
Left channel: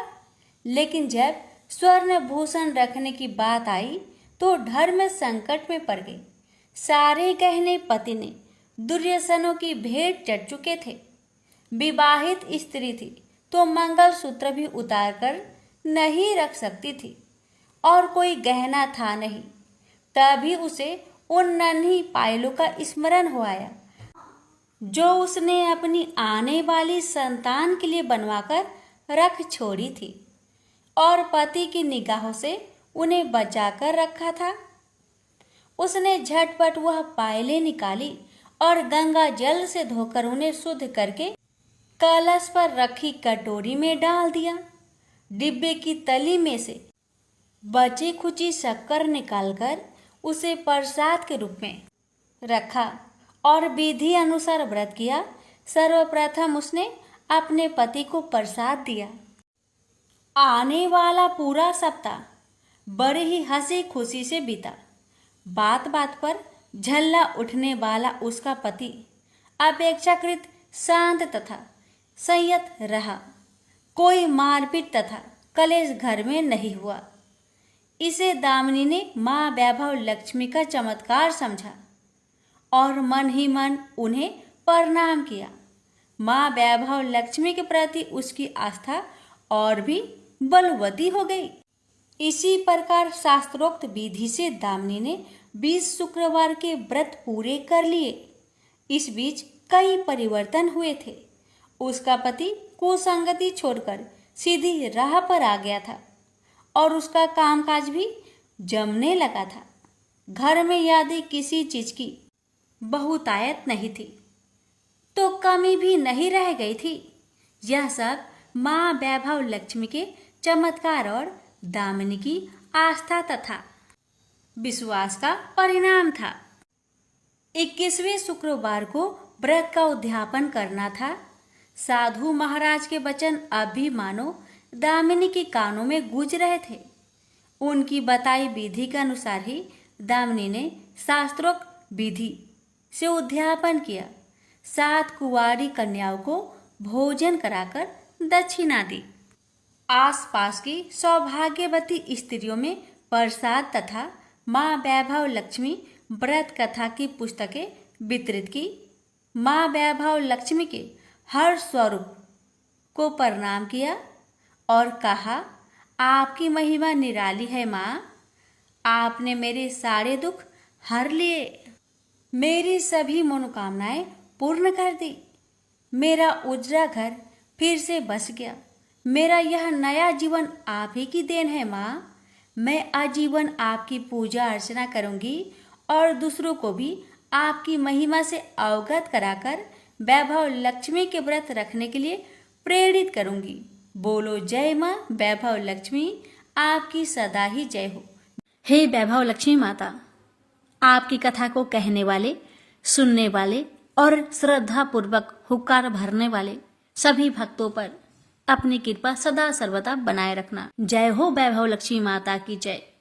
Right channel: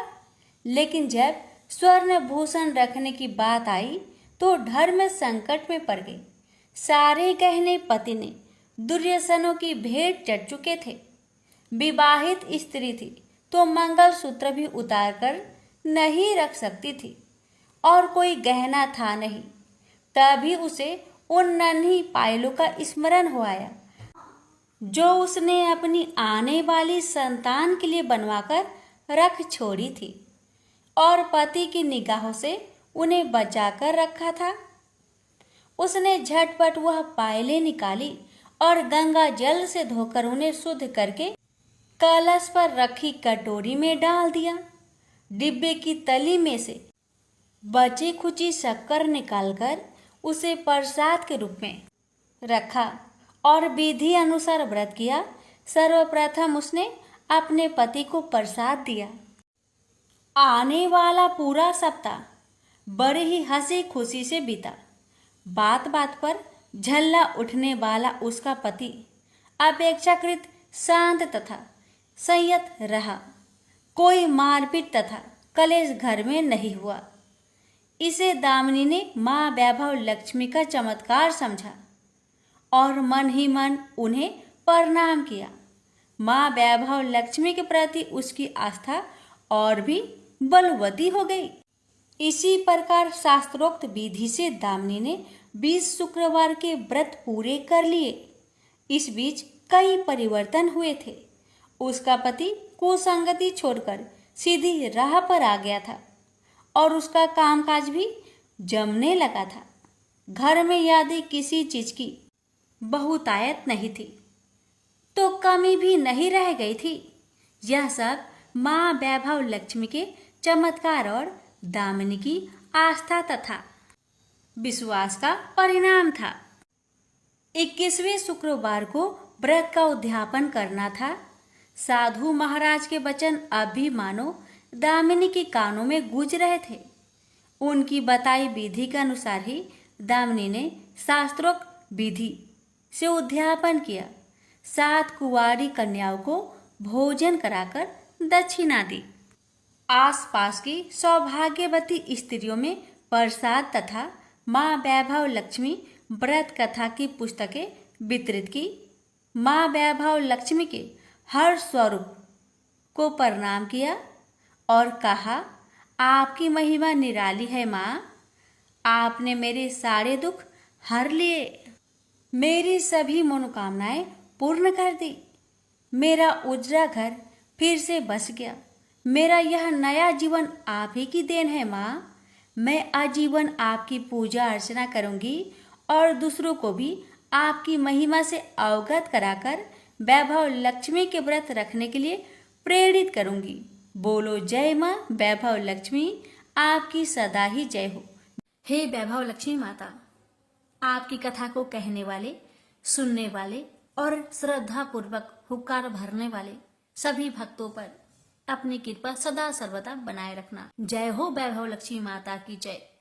लेकिन जब स्वर्ण भूषण रखने की बात आई तो धर्म संकट में पड़ गई। सारे गहने पति ने दुर्योधनों की भेंट चढ़ चुके थे। विवाहित स्त्री थी तो मंगलसूत्र भी उतार कर नहीं रख सकती थी और कोई गहना था नहीं। तभी उसे उन नन्ही पायलों का स्मरण हो आया जो उसने अपनी आने वाली संतान के लिए बनवाकर रख छोड़ी थी और पति की निगाहों से उन्हें बचाकर रखा था। उसने झटपट वह पायलें निकाली और गंगा जल से धोकर उन्हें शुद्ध करके कलश पर रखी कटोरी में डाल दिया। डिब्बे की तली में से बची खुची शक्कर निकालकर उसे प्रसाद के रूप में रखा और विधि अनुसार व्रत किया। सर्वप्रथम उसने अपने पति को प्रसाद दिया। आने वाला पूरा सप्ताह बड़े ही हंसी खुशी से बीता। बात बात पर झल्ला उठने वाला उसका पति अपेक्षाकृत शांत तथा संयत रहा। कोई मारपीट तथा कलेश घर में नहीं हुआ। इसे दामिनी ने माँ वैभव लक्ष्मी का चमत्कार समझा और मन ही मन उन्हें प्रणाम किया। माँ वैभव लक्ष्मी के प्रति उसकी आस्था और भी बलवती हो गई। इसी प्रकार शास्त्रोक्त विधि से दामिनी ने 20 शुक्रवार के व्रत पूरे कर लिए। इस बीच कई परिवर्तन हुए थे। उसका पति कुसंगति छोड़कर सीधी राह पर आ गया था और उसका कामकाज भी जमने लगा था। घर में यदि किसी चीज की बहुतायत नहीं थी तो कमी भी नहीं रह गई थी। यह सब माँ वैभव लक्ष्मी के चमत्कार और दामिनी की आस्था तथा विश्वास का परिणाम था। 21वें शुक्रवार को व्रत का उद्यापन करना था। साधु महाराज के वचन अब भी मानो दामिनी के कानों में गूंज रहे थे। उनकी बताई विधि के अनुसार ही दामिनी ने शास्त्रोक्त विधि से उद्यापन किया। 7 कुंवारी कन्याओं को भोजन कराकर दक्षिणा दी। आसपास की सौभाग्यवती स्त्रियों में प्रसाद तथा माँ वैभव लक्ष्मी व्रत कथा की पुस्तकें वितरित की। माँ वैभव लक्ष्मी के हर स्वरूप को प्रणाम किया और कहा, आपकी महिमा निराली है माँ। आपने मेरे सारे दुख हर लिए, मेरी सभी मनोकामनाएं पूर्ण कर दी। मेरा उजरा घर फिर से बस गया। मेरा यह नया जीवन आप ही की देन है माँ। मैं आजीवन आपकी पूजा अर्चना करूंगी और दूसरों को भी आपकी महिमा से अवगत कराकर वैभव लक्ष्मी के व्रत रखने के लिए प्रेरित करूंगी। बोलो जय माँ वैभव लक्ष्मी, आपकी सदा ही जय हो। हे वैभव लक्ष्मी माता, आपकी कथा को कहने वाले, सुनने वाले और श्रद्धा पूर्वक हुक्कार भरने वाले सभी भक्तों पर अपनी कृपा सदा सर्वदा बनाए रखना। जय हो वैभव लक्ष्मी माता की जय।